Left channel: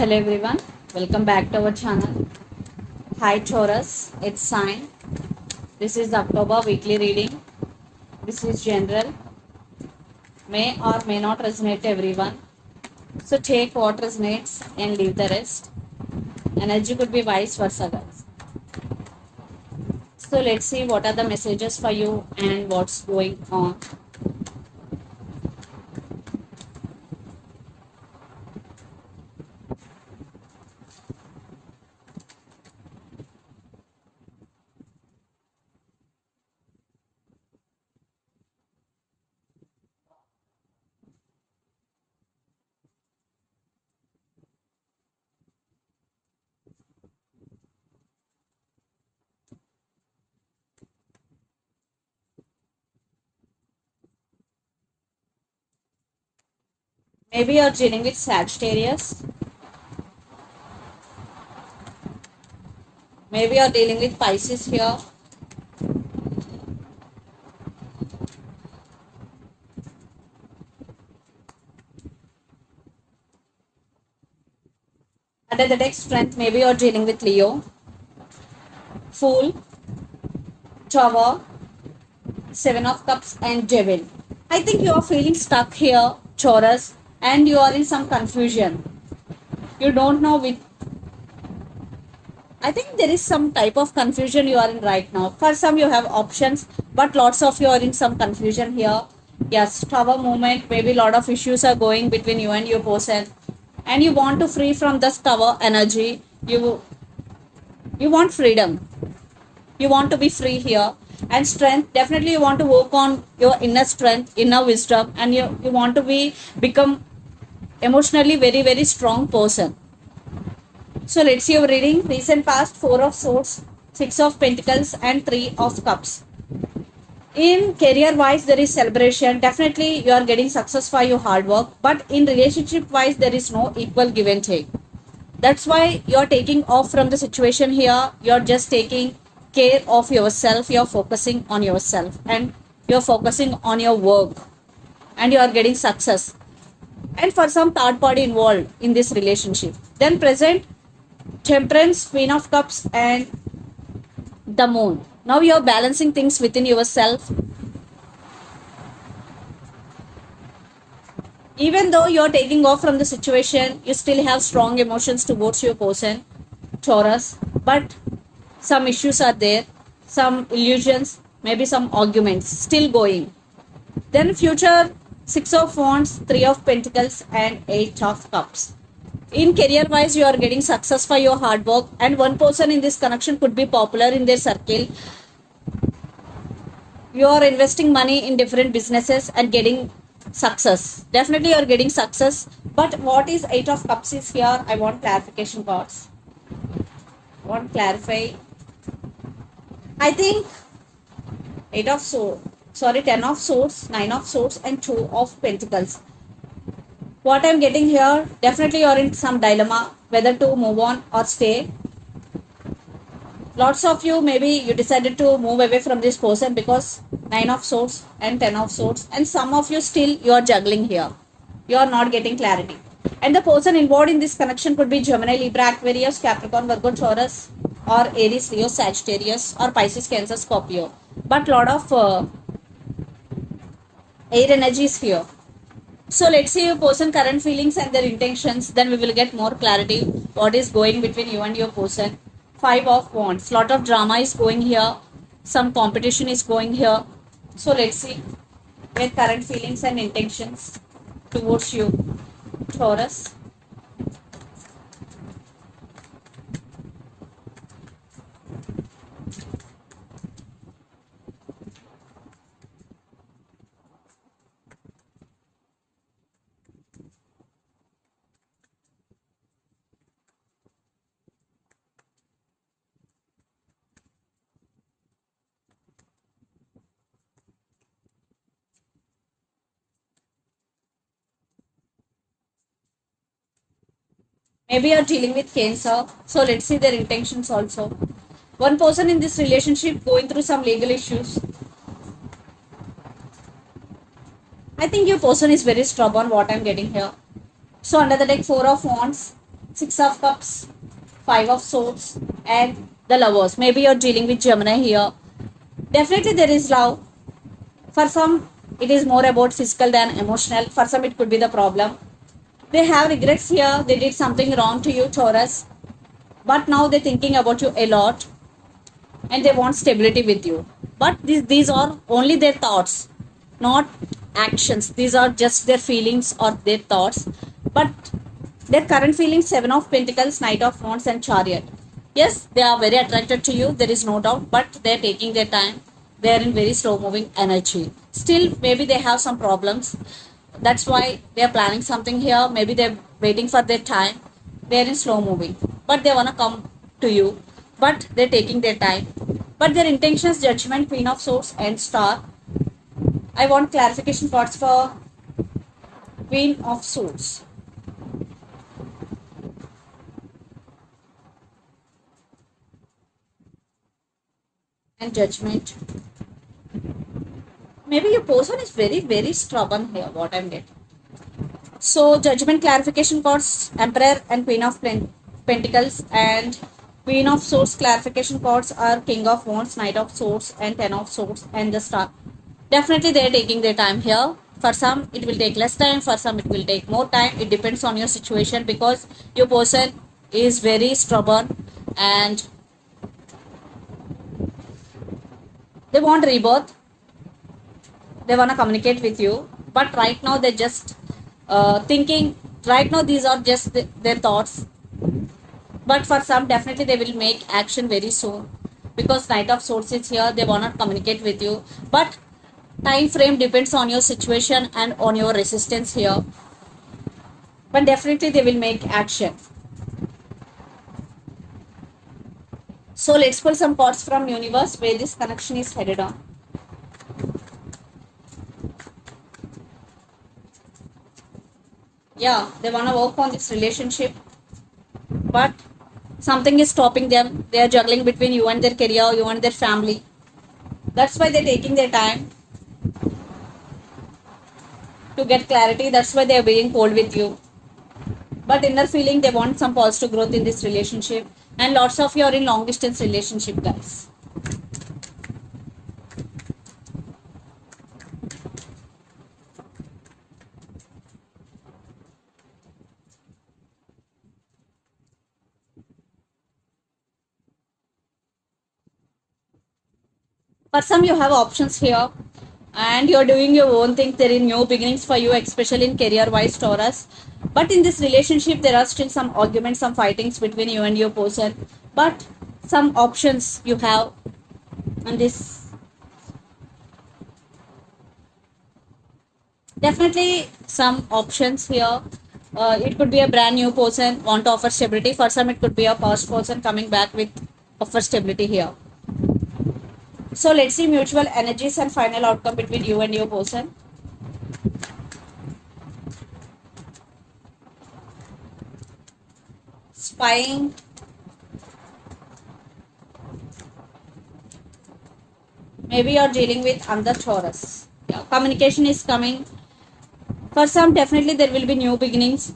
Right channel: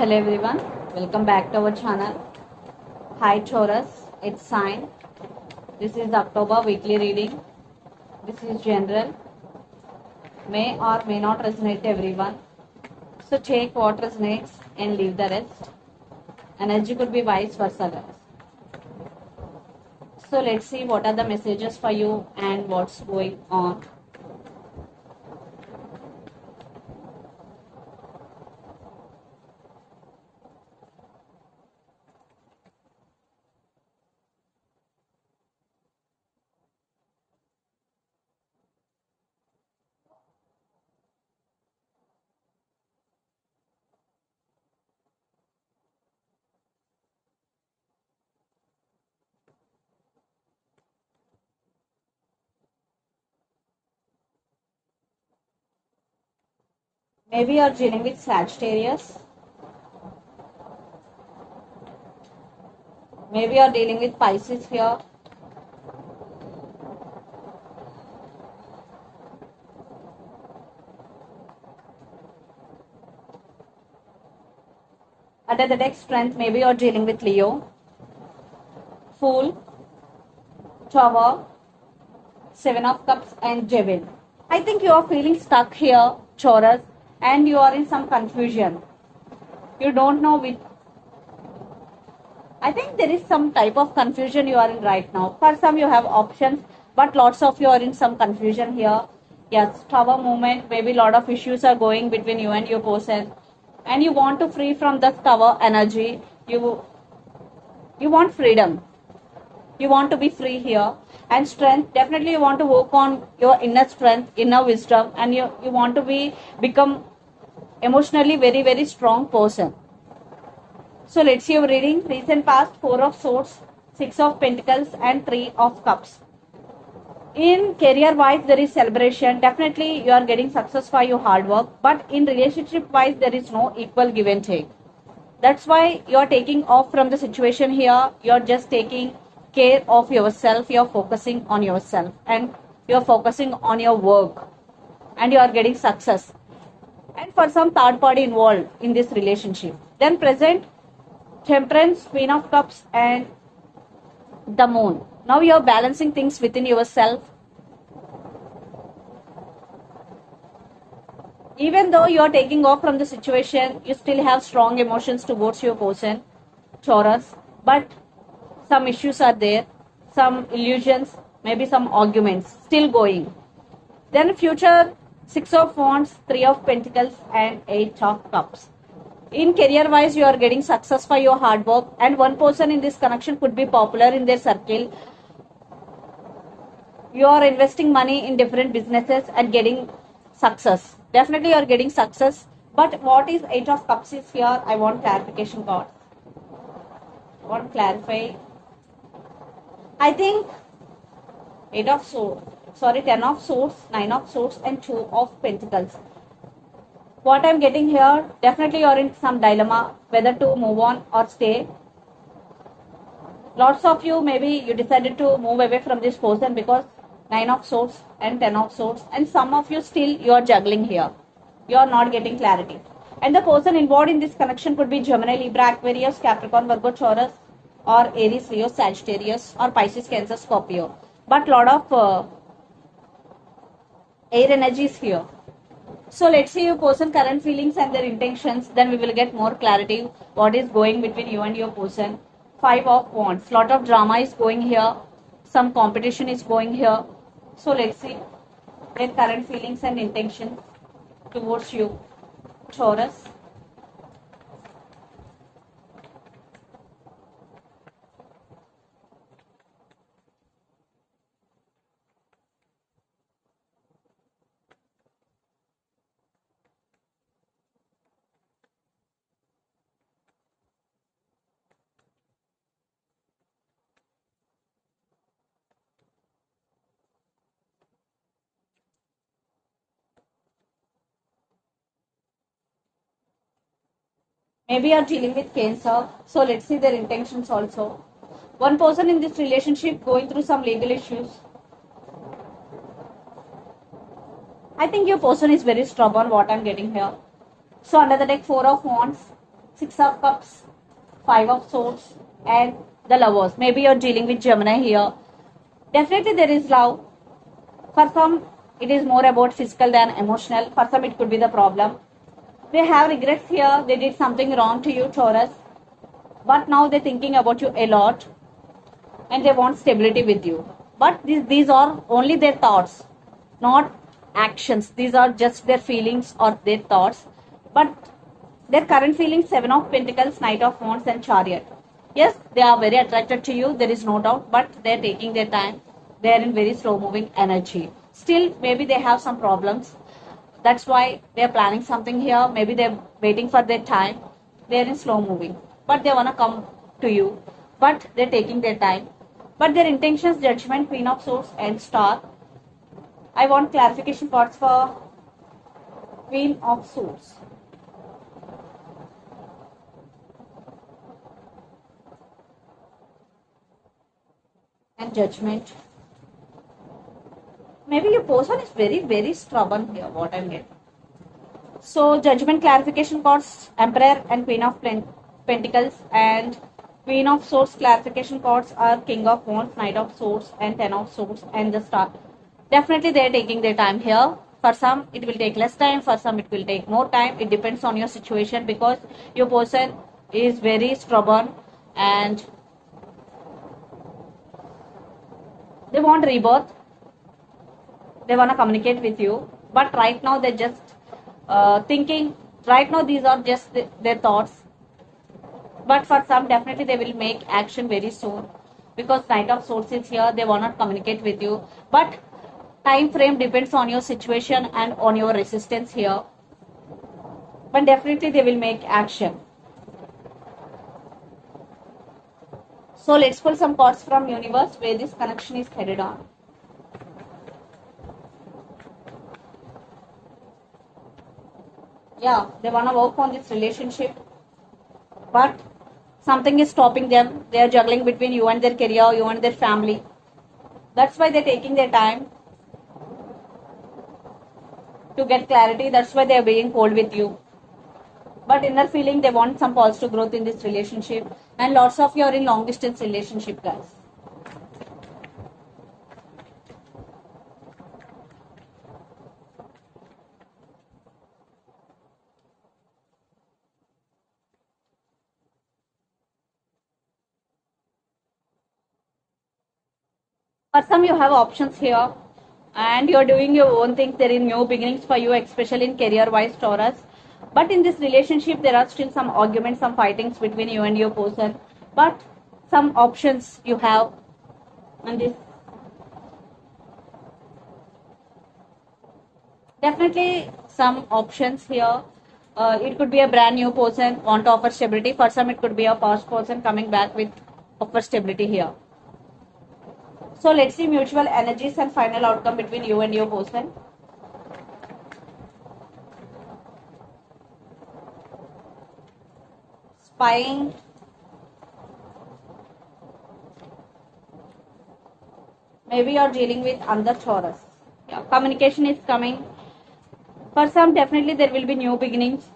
Hello everyone, welcome back to our channel. Hi Taurus, it's sign. This is the October weekly reading. This is general. May or may not resonate to everyone. So take what resonates and leave the rest. Energy could be vice versa, guys. So let's see what are the messages for you and what's going on. Maybe you're dealing with Sagittarius. Maybe you're dealing with Pisces here. Under the deck strength, maybe you're dealing with Leo. Fool, Tower, Seven of Cups and Devil. I think you are feeling stuck here, Taurus, and you are in some confusion. You don't know which. I think there is some type of confusion you are in right now. For some you have options, but lots of you are in some confusion here. Yes, Tower movement, maybe a lot of issues are going between you and your person. And you want to free from this Tower energy. You want freedom. You want to be free here. And strength, definitely you want to work on your inner strength, inner wisdom, and you want to become emotionally very strong person. So let's see your reading. Recent past, Four of Swords, Six of Pentacles and Three of Cups. In career wise, there is celebration. Definitely you are getting success for your hard work, but in relationship wise, there is no equal give and take. That's why you are taking off from the situation here. You are just taking care of yourself. You are focusing on yourself and you are focusing on your work and you are getting success. And for some third party involved in this relationship. Then present Temperance, Queen of Cups and the Moon. Now you are balancing things within yourself. Even though you are taking off from the situation, you still have strong emotions towards your person, Taurus. But some issues are there, some illusions, maybe some arguments still going. Then future, Six of Wands, Three of Pentacles and Eight of Cups. In career wise, you are getting success for your hard work, and one person in this connection could be popular in their circle. You are investing money in different businesses and getting success. Definitely you are getting success. But what is Eight of Cups is here? I want clarification cards. I want to clarify. I think 10 of Swords, 9 of Swords and 2 of Pentacles. What I'm getting here, definitely you're in some dilemma whether to move on or stay. Lots of you, maybe you decided to move away from this person because 9 of Swords and 10 of Swords, and some of you still you are juggling here. You are not getting clarity. And the person involved in this connection could be Gemini, Libra, Aquarius, Capricorn, Virgo, Taurus, or Aries, Leo, Sagittarius, or Pisces, Cancer, Scorpio. But lot of air energy is here. So let's see your person current feelings and their intentions. Then we will get more clarity what is going between you and your person. Five of Wands. Lot of drama is going here. Some competition is going here. So let's see their current feelings and intentions towards you, Taurus. Maybe you're dealing with Cancer. So let's see their intentions also. One person in this relationship going through some legal issues. I think your person is very stubborn, what I'm getting here. So under the deck, Four of Wands, Six of Cups, Five of Swords, and the Lovers. Maybe you're dealing with Gemini here. Definitely there is love. For some, it is more about physical than emotional. For some, it could be the problem. They have regrets here. They did something wrong to you, Taurus. But now they're thinking about you a lot and they want stability with you. But these are only their thoughts, not actions. These are just their feelings or their thoughts. But their current feelings, Seven of Pentacles, Knight of Wands, and Chariot. Yes, they are very attracted to you, there is no doubt, but they're taking their time. They're in very slow moving energy. Still, maybe they have some problems. That's why they're planning something here. Maybe they're waiting for their time. They're in slow moving, but they want to come to you, but they're taking their time. But their intentions, Judgment, Queen of Swords, and Star. I want clarification cards for Queen of Swords. And Judgment. Maybe your person is very stubborn here, what I'm getting. So Judgment, clarification cards, Emperor and Queen of Pentacles, and Queen of Swords clarification cards are King of Wands, Knight of Swords, and Ten of Swords, and the Star. Definitely they are taking their time here. For some it will take less time, for some it will take more time. It depends on your situation, because your person is very stubborn and they want rebirth. They want to communicate with you, but right now they're just thinking. Right now these are just their thoughts, but for some definitely they will make action very soon, because Knight of Swords is here. They want to communicate with you, but time frame depends on your situation and on your resistance here, but definitely they will make action. So let's pull some cards from universe where this connection is headed on. Yeah, they want to work on this relationship, but something is stopping them. They are juggling between you and their career, you and their family. That's why they're taking their time to get clarity. That's why they're being cold with you. But inner feeling, they want some positive growth in this relationship, and lots of you are in long distance relationship, guys. For some, you have options here and you're doing your own thing. There is new beginnings for you, especially in career wise, Taurus. But in this relationship, there are still some arguments, some fightings between you and your person. But some options you have in this. Definitely some options here. It could be a brand new person want to offer stability. For some, it could be a past person coming back with offer stability here. So let's see mutual energies and final outcome between you and your person. Spying. Maybe you're dealing with under Taurus. Yeah, communication is coming. For some, definitely there will be new beginnings.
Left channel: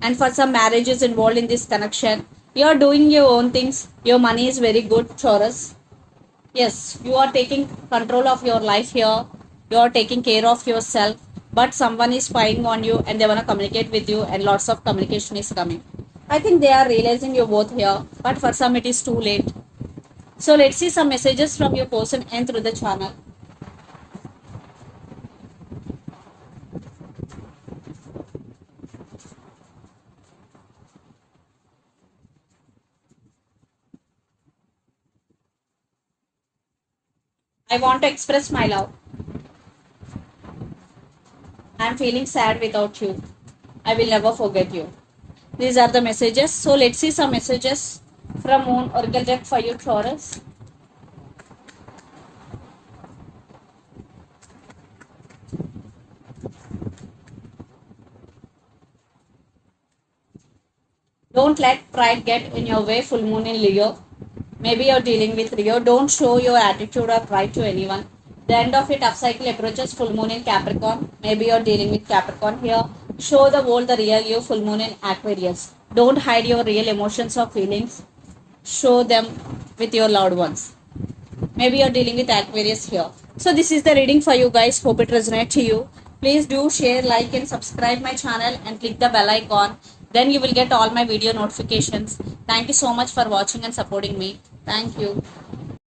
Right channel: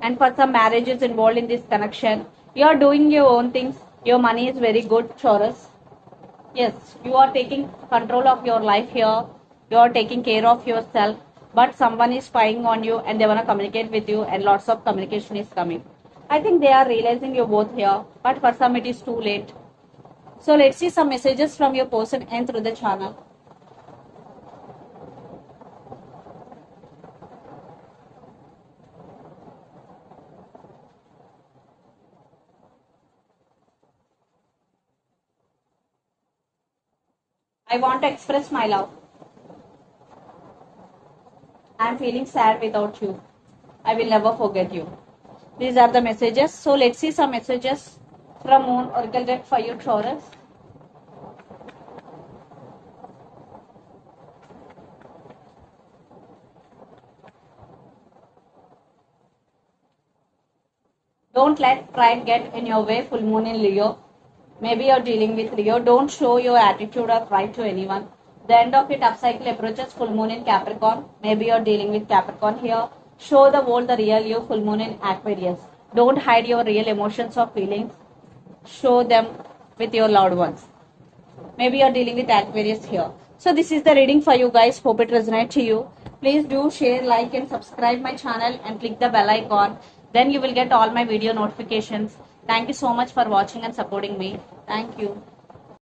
And for some, marriage is involved in this connection. You're doing your own things. Your money is very good, Taurus. Yes, you are taking control of your life here. You are taking care of yourself. But someone is spying on you and they want to communicate with you, and lots of communication is coming. I think they are realizing you're both here. But for some, it is too late. So let's see some messages from your person and through the channel. I want to express my love. I'm feeling sad without you. I will never forget you. These are the messages. So let's see some messages from Moon Oracle deck for you, Taurus. Don't let pride get in your way, full moon in Leo. Maybe you're dealing with Leo. Don't show your attitude or pride to anyone. The end of it, upcycle approaches, full moon in Capricorn. Maybe you're dealing with Capricorn here. Show the world the real you, full moon in Aquarius. Don't hide your real emotions or feelings. Show them with your loved ones. Maybe you're dealing with Aquarius here. So this is the reading for you guys. Hope it resonates to you. Please do share, like and subscribe my channel and click the bell icon. Then you will get all my video notifications. Thank you so much for watching and supporting me. Thank you.